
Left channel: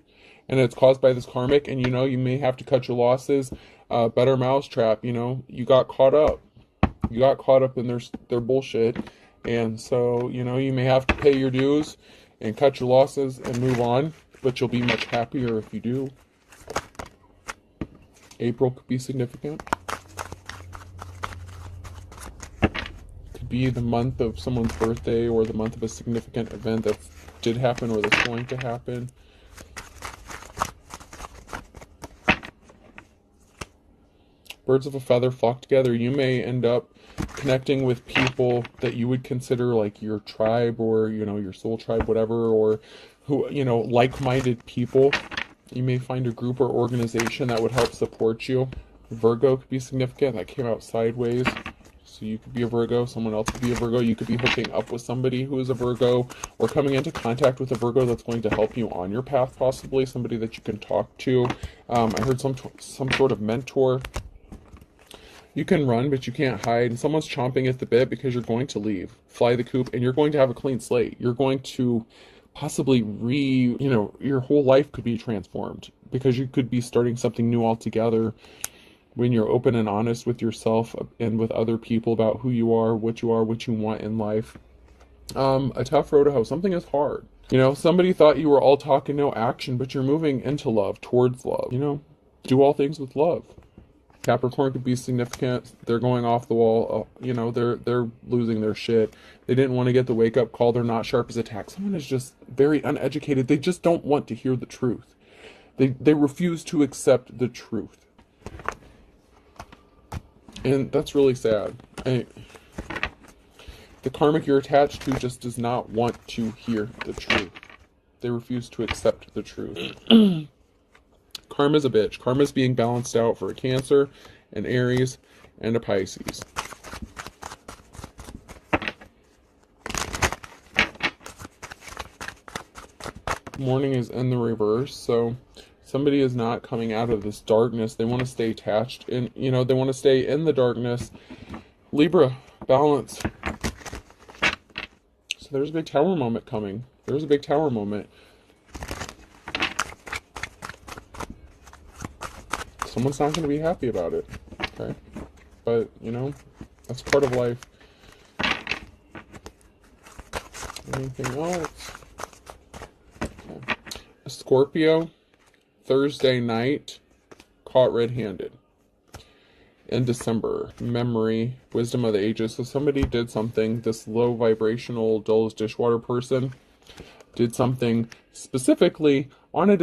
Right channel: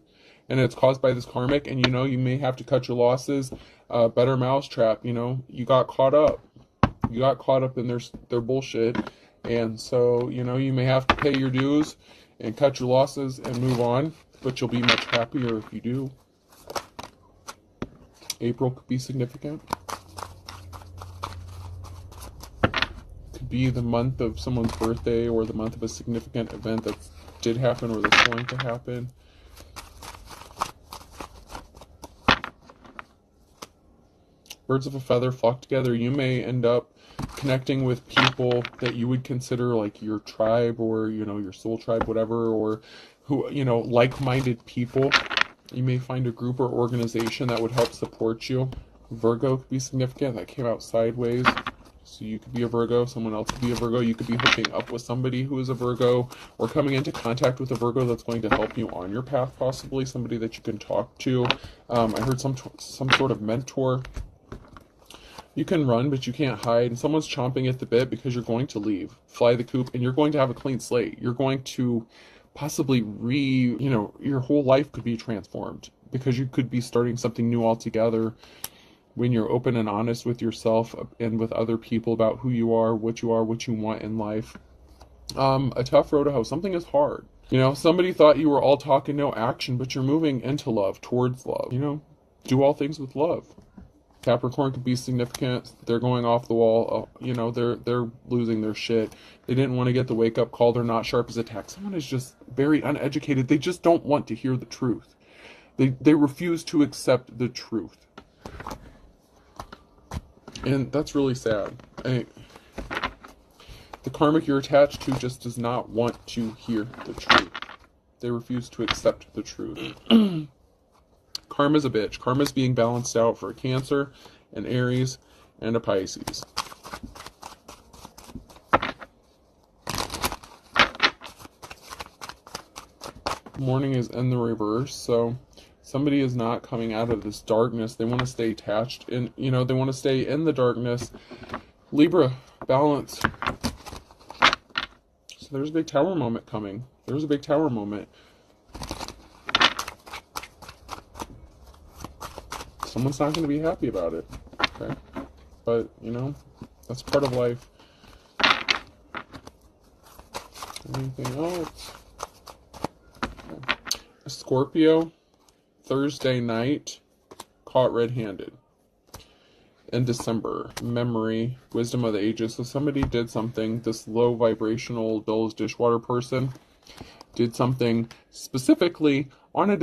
and it's caused by this karmic, and you may have to cut your losses. Better mousetrap, you got caught up. You got caught up in their bullshit, and so, you may have to pay your dues and cut your losses and move on, but you'll be much happier if you do. April could be significant. Be the month of someone's birthday, or the month of a significant event that did happen or that's going to happen. Birds of a feather flock together. You may end up connecting with people that you would consider like your tribe, or your soul tribe, whatever, or who like-minded people. You may find a group or organization that would help support you. Virgo could be significant. That came out sideways. So you could be a Virgo, someone else could be a Virgo, you could be hooking up with somebody who is a Virgo, or coming into contact with a Virgo that's going to help you on your path, possibly, somebody that you can talk to. I heard some sort of mentor. You can run, but you can't hide. Someone's chomping at the bit because you're going to leave, fly the coop, and you're going to have a clean slate. You're going to possibly your whole life could be transformed, because you could be starting something new altogether. When you're open and honest with yourself and with other people about who you are, what you want in life. A tough road to hoe. Something is hard. Somebody thought you were all talk and no action, but you're moving into love, towards love. Do all things with love. Capricorn could be significant. They're going off the wall. They're losing their shit. They didn't want to get the wake-up call. They're not sharp as a tack. Someone is just very uneducated. They just don't want to hear the truth. They refuse to accept the truth. And that's really sad. The karmic you're attached to just does not want to hear the truth. They refuse to accept the truth. Karma's a bitch. Karma's being balanced out for a Cancer, an Aries, and a Pisces. Morning is in the reverse, so somebody is not coming out of this darkness. They want to stay attached, and they want to stay in the darkness. Libra, balance. So there's a big tower moment coming. There's a big tower moment. someone's not going to be happy about it. Okay? But, you know, that's part of life. Anything else? Okay. A Scorpio, Thursday night, caught red-handed. In December, memory, wisdom of the ages. So somebody did something, this low vibrational, dull as dishwater person did something specifically on a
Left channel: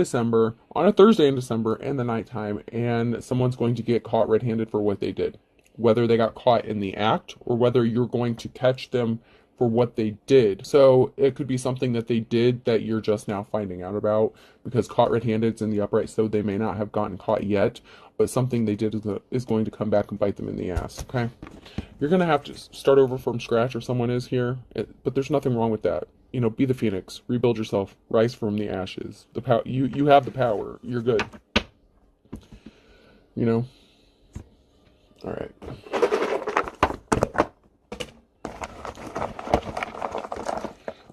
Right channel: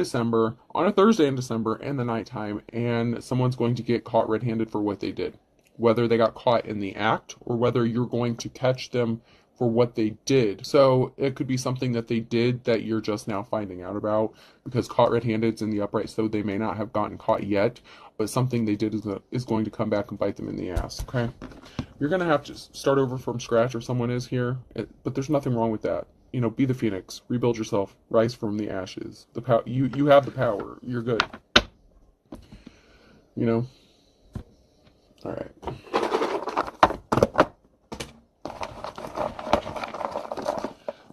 Thursday in December in the nighttime, and someone's going to get caught red-handed for what they did. Whether they got caught in the act or whether you're going to catch them for what they did. So it could be something that they did that you're just now finding out about, because caught red-handed's in the upright, so they may not have gotten caught yet, but something they did is going to come back and bite them in the ass. Okay, you're going to have to start over from scratch, or someone is here, but there's nothing wrong with that. You know, be the phoenix, rebuild yourself, rise from the ashes. The power, you have the power. You're good. You know. All right.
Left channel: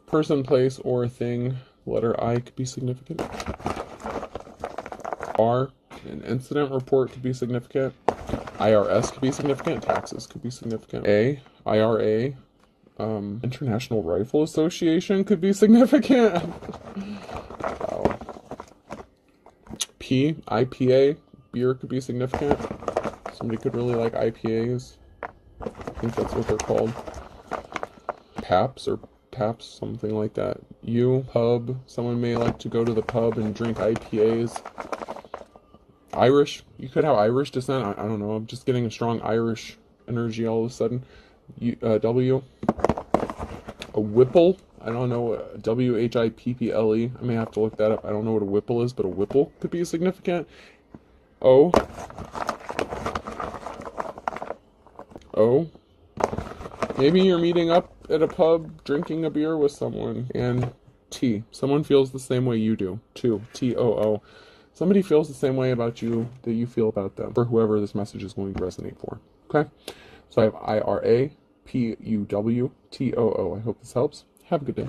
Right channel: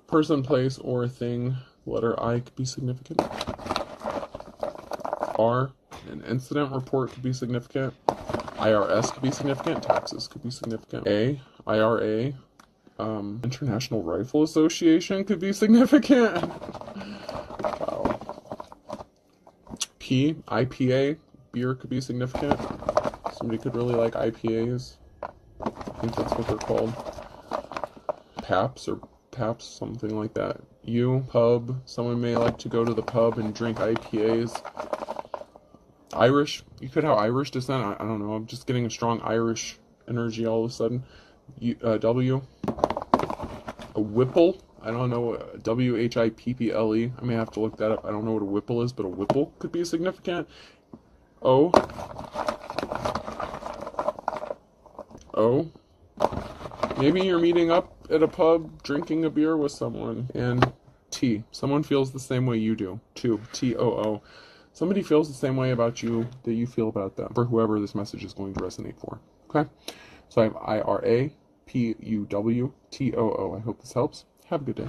Person, place, or thing. Letter I could be significant. R, an incident report could be significant. IRS could be significant. Taxes could be significant. A, IRA, International Rifle Association could be significant. Wow. P, IPA, beer could be significant. Somebody could really like IPAs. I think that's what they're called. Paps, something like that. U, pub. Someone may like to go to the pub and drink IPAs. Irish. You could have Irish descent. I don't know. I'm just getting a strong Irish energy all of a sudden. W. A Whipple. I don't know. WHIPPLE. I may have to look that up. I don't know what a Whipple is, but a Whipple could be significant. O. Maybe you're meeting up at a pub, drinking a beer with someone. And T. Someone feels the same way you do. 2. TOO. Somebody feels the same way about you that you feel about them, for whoever this message is going to resonate for. Okay? So I have IRA, PUW, TOO. I hope this helps. Have a good day.